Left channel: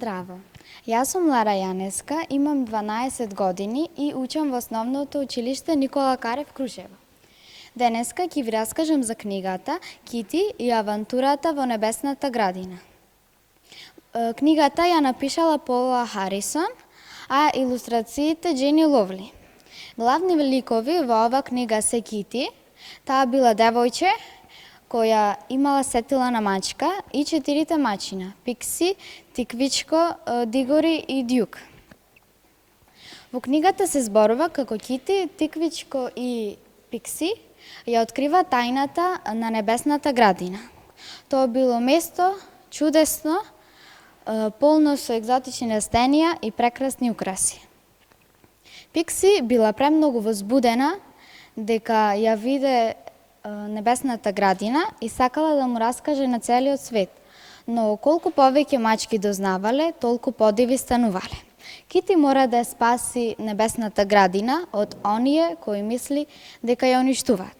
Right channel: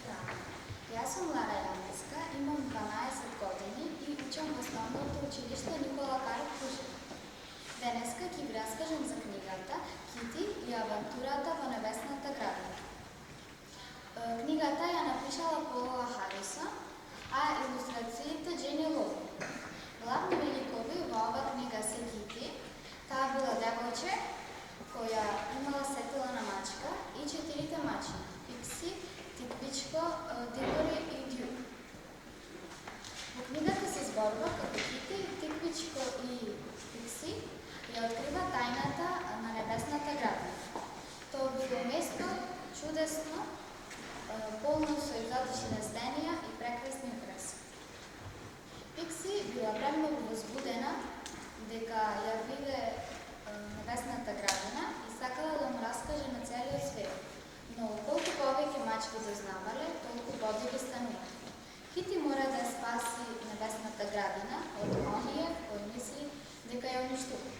Здраво! Јас сум Лара Јанеска, имам 12 години и учам во основното училиште Никола Карев Крушево. Денеска ќе ви раскажам за книгата Кити и авантурата во небесната градина. Книгата ја напишала Пола Харисон, а илустрациите Джени Ловли. Главни ликови во ова книга се Кити, таа била девојче која имала сетила мачка и 4 мачина – Пикси, Тиквичко, Дигори и Дјук. Во книгата се зборува како Кити, Тиквичко и Пикси ја открива тајната на небесната градина. Тоа било место чудесно, полно со екзотични растенија и прекрасни украси. Пикси била премногу возбудена дека ја виде небесната градина и сакала да му раскаже на целиот свет, но колку повеќе мачки дознавале, толку подиви станувале. Кити мора да спаси небесната градина од оние кои мисли дека ја уништуваат.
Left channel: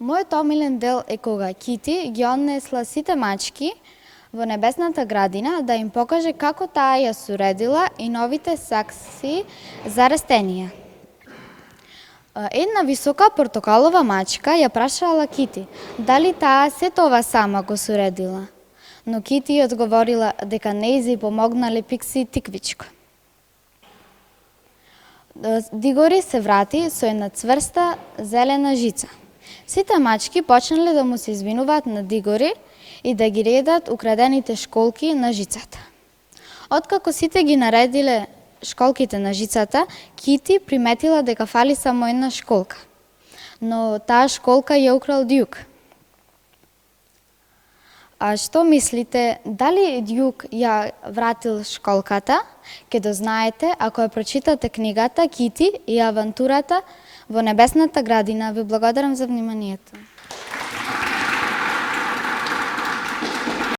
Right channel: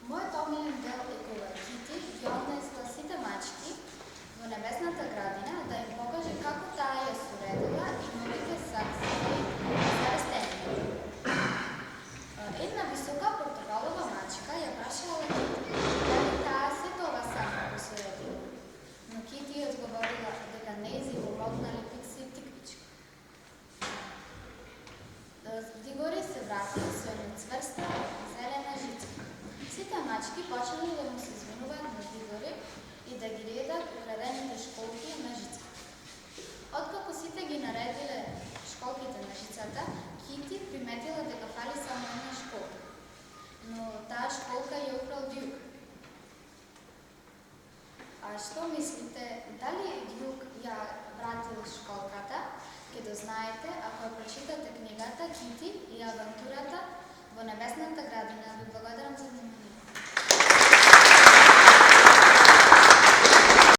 Мојот омилен дел е кога Кити ги однесла сите мачки во небесната градина да им покаже како таа ја суредила и новите сакси за растенија. Една висока портокалова мачка ја прашала Кити дали таа се тоа сама го суредила, но Кити ја одговорила дека нејзи помогнале Пикси и Тиквичко. Дигори се врати со една цврста зелена жица. Сите мачки почнале да му се извинуваат на Дигори и да ги редат украдените школки на жицата. Откако сите ги наредиле школките на жицата, Кити приметила дека фали само една школка. Но таа школка ја украл Дјук. А што мислите, дали Дјук ја вратил школката? Ке дознаете ако ја прочитате книгата Кити и авантурата во небесната градина. Ви благодарам за вниманието.